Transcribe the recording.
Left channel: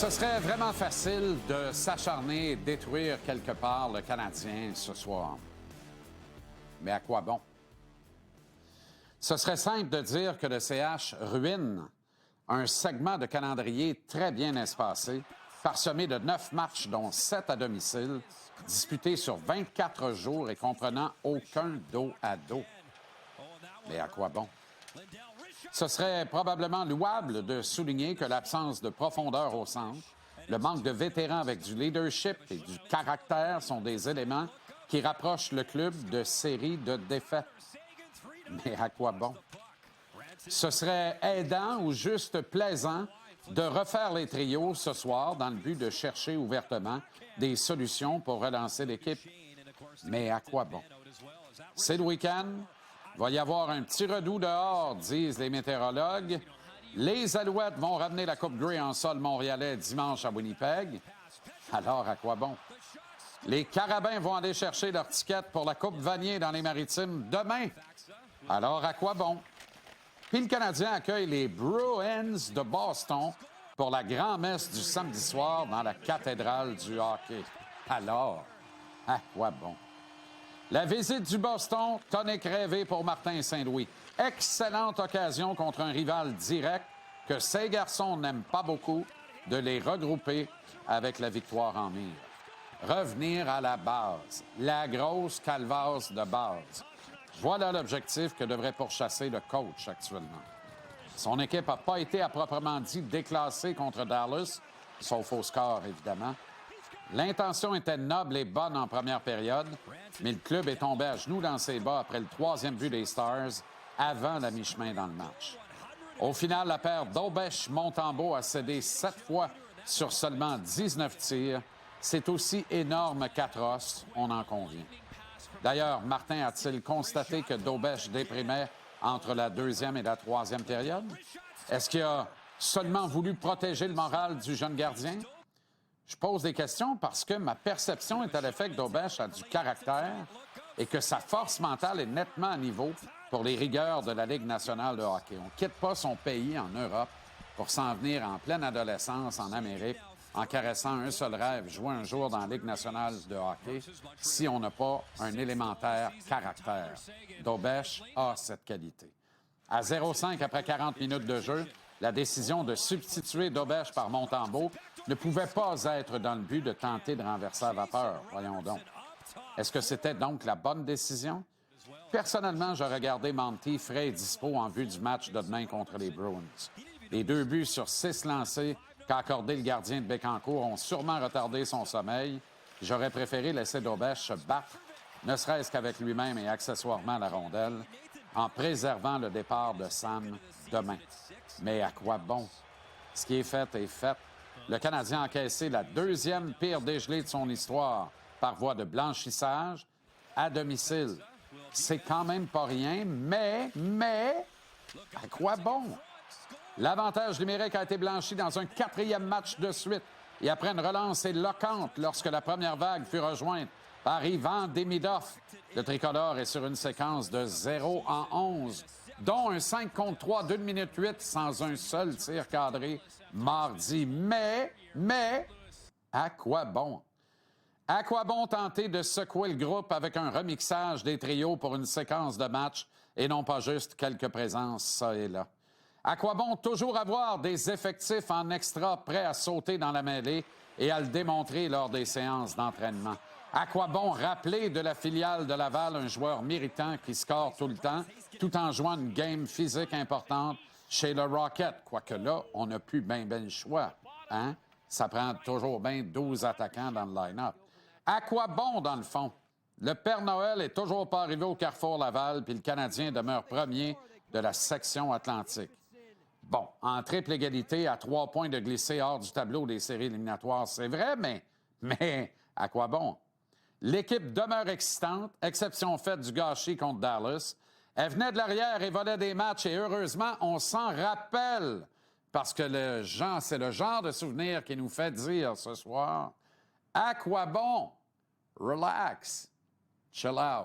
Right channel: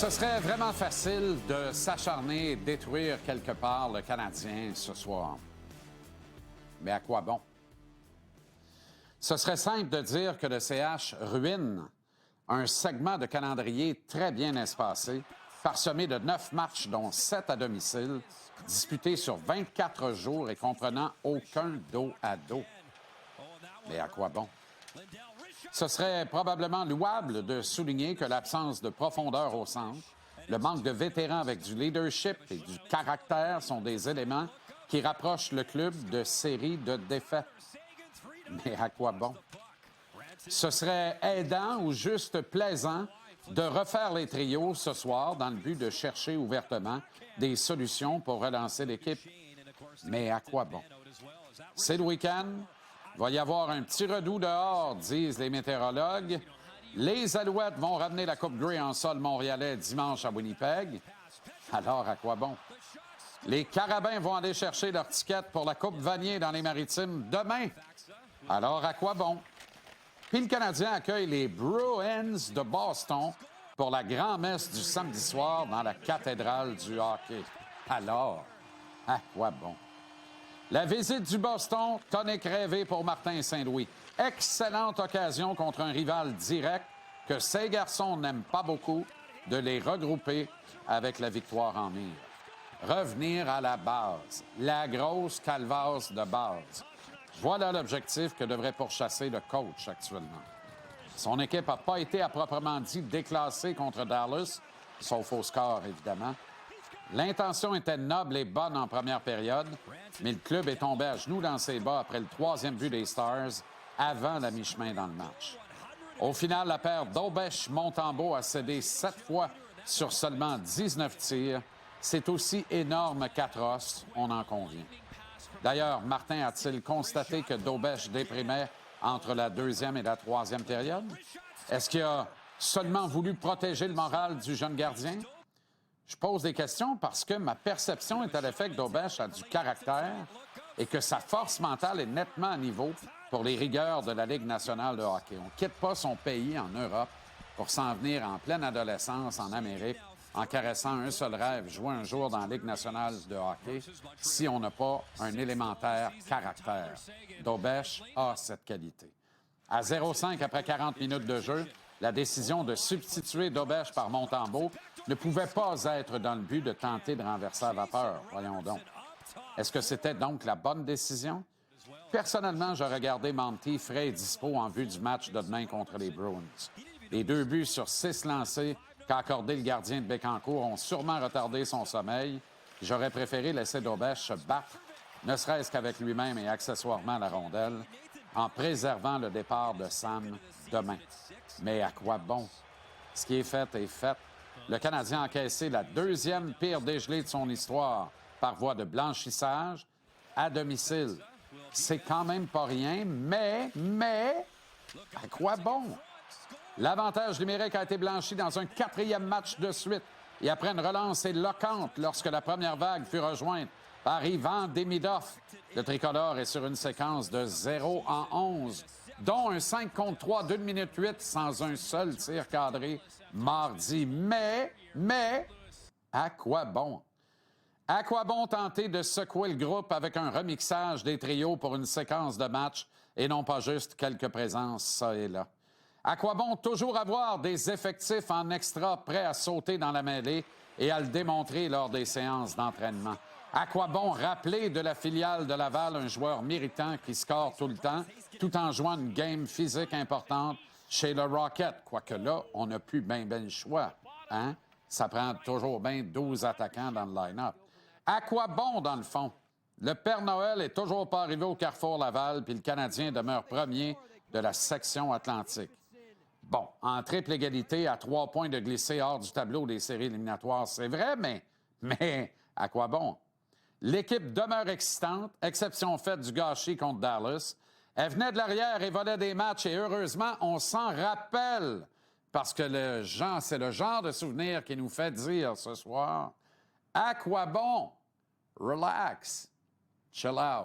Ce serait vraiment facile de s'acharner et détruire quelque part le Canadien ce soir. Mais à quoi bon? Ce serait simple de dire que le CH ruine un segment de calendrier très bien espacé, parsemé de 9 matchs, dont 7 à domicile, disputés sur 24 jours et comprenant aucun dos à dos. Mais à quoi bon? Ce serait probablement louable de souligner que l'absence de profondeur au centre, le manque de vétérans avec du leadership et du caractère sont des éléments qui rapprochent le club de séries de défaites. Mais à quoi bon? Ce serait aidant ou juste plaisant de refaire les trios ce soir dans le but de chercher ouvertement des solutions pour relancer l'équipe. Mais à quoi bon? C'est le week-end. Il va y avoir un petit redout dehors, disent les météorologues. Les Alouettes vont ramener la Coupe Grey en sol montréalais dimanche à Winnipeg. Alors, à quoi bon? Les Carabins vont aller chercher leur ticket pour la Coupe Vanier dans les Maritimes demain. Alors, à quoi bon? Puis le Canadien accueille les Bruins de Boston pour la grand-messe du samedi soir dans la cathédrale du hockey. Alors, à quoi bon? La visite du Boston, tonique rêvé pour Martin Saint-Louis. Excellente occasion contre un rival direct que ces garçons n'aiment pas beaucoup de les regrouper avec la victoire en mire. Revenir à la base, la grosse calvasse de base. Voilà l'objectif que devrait pourchasser le coach actuellement. Son équipe n'a pas été à proprement dit déclassée contre Dallas, sauf au score évidemment. L'intention était noble et bonne en première période, mais le club est tombé à genoux dans ses bas après le 3e but des Stars, avant la mi-chemin dans le match. Au final, la paire d'Aubèche-Montembeault a cédé 7 fois sur seulement 19 tirs. C'est aussi énorme qu'atroce, on en convient. D'ailleurs, Martin a-t-il constaté que Daubèche déprimait entre la 2e et la 3e période? Est-ce qu'il a seulement voulu protéger le moral du jeune gardien? Je pose des questions parce que ma perception est à l'effet que Daubèche a du caractère et que sa force mentale est nettement à niveau pour les rigueurs de la Ligue nationale de hockey. On ne quitte pas son pays en Europe pour s'en venir en pleine adolescence en Amérique en caressant un seul rêve, jouer un jour dans la Ligue nationale de hockey si on n'a pas un élémentaire caractère. Daubèche a cette qualité. À 0-5 après 40 minutes de jeu, la décision de substituer Daubèche par Montembeault ne pouvait pas être dans le but de tenter de renverser la vapeur. Voyons donc. Est-ce que c'était donc la bonne décision? Personnellement, j'aurais gardé Monty frais et dispo en vue du match de demain contre les Bruins. Les 2 buts sur 6 lancés qu'a accordé le gardien de Bécancour ont sûrement retardé son sommeil. J'aurais préféré laisser Daubèche se battre, ne serait-ce qu'avec lui-même et accessoirement la rondelle, en préservant le départ de Sam demain. Mais à quoi bon? Ce qui est fait est fait. Le Canadien a encaissé la 2e pire dégelée de son histoire par voie de blanchissage à domicile. C'est quand même pas rien, mais, à quoi bon? L'avantage numérique a été blanchi dans un 4e match de suite et après une relance éloquente lorsque la première vague fut rejointe par Ivan Demidov. Le tricolore est sur une séquence de 0-11, dont un 5 contre 3 d'1 minute 8 sans un seul tir cadré mardi. Mais, à quoi bon? À quoi bon tenter de secouer le groupe avec un remixage des trios pour une séquence de match et non pas juste quelques présences ça et là? À quoi bon toujours avoir des effectifs en extra prêts à sauter dans la mêlée et à le démontrer lors des séances d'entraînement? À quoi bon rappeler de la filiale de Laval un joueur méritant qui score tout le temps, tout en jouant une game physique importante chez le Rocket? Quoique là, on n'a plus ben le choix. Hein? Ça prend toujours bien 12 attaquants dans le line-up. À quoi bon, dans le fond? Le Père Noël est toujours pas arrivé au Carrefour Laval, puis le Canadien demeure premier de la section Atlantique. Bon, en triple égalité, à 3 points de glisser hors du tableau des séries éliminatoires, c'est vrai, mais à quoi bon? L'équipe demeure excitante, exception faite du gâchis contre Dallas. Elle venait de l'arrière et volait des matchs et heureusement, on s'en rappelle parce que c'est le genre de souvenir qui nous fait dire ce soir, à quoi bon? Relax, chill out.